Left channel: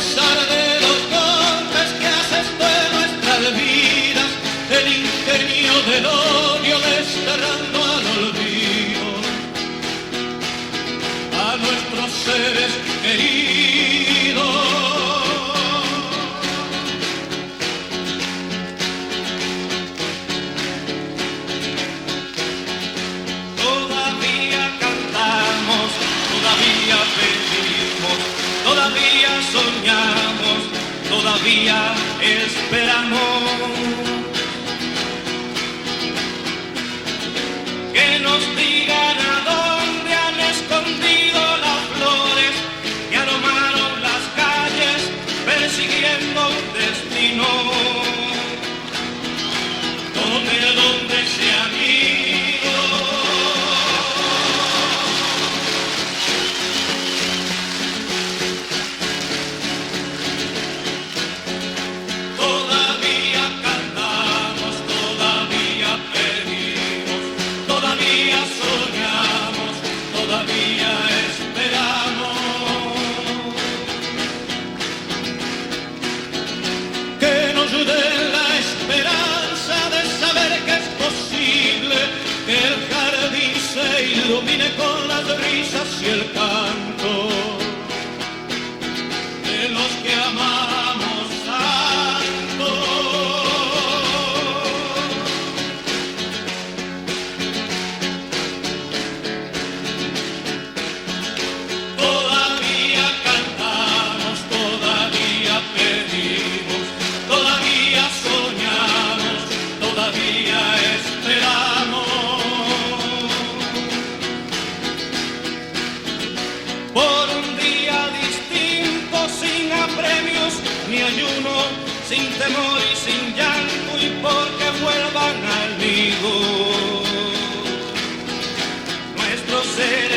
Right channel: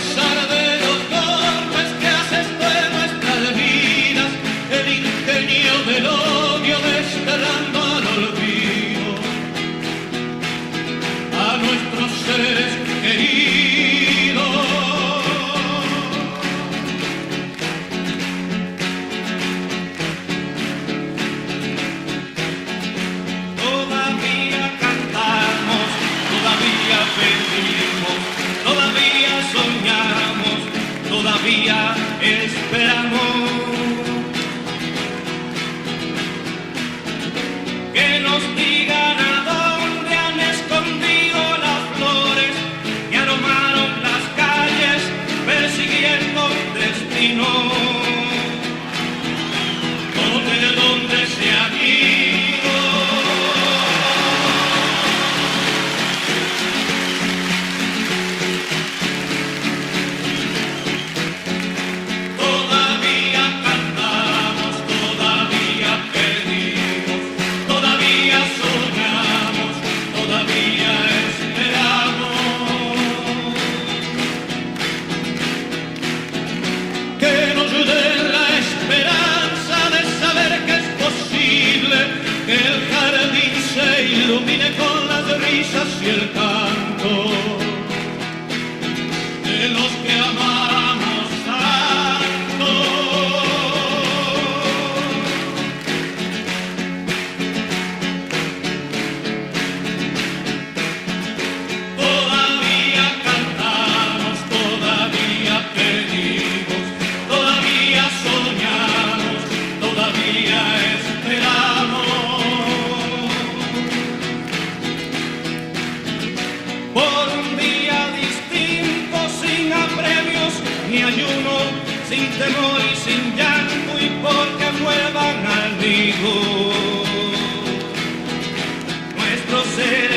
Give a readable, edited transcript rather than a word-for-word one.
pesar de los golpes que haces de nuestras vidas, el ingenio del odio desterrando al olvido a nuestros seres queridos. Todavía cantamos, todavía pedimos, todavía soñamos, todavía esperamos que nos digan a dónde han escondido las flores que aromaron las calles persiguiendo un destino. ¿Dónde se han ido? Todavía cantamos, todavía pedimos, todavía soñamos, todavía esperamos que nos den la esperanza de saber que es posible que el jardín se ilumine con las risas y el canto de los que amamos tanto. Todavía cantamos, todavía pedimos, todavía soñamos, todavía esperamos por un día distinto, sin apremios ni ayuno, sin temor y sin llanto, y porque vuelvan al nido nuestros seres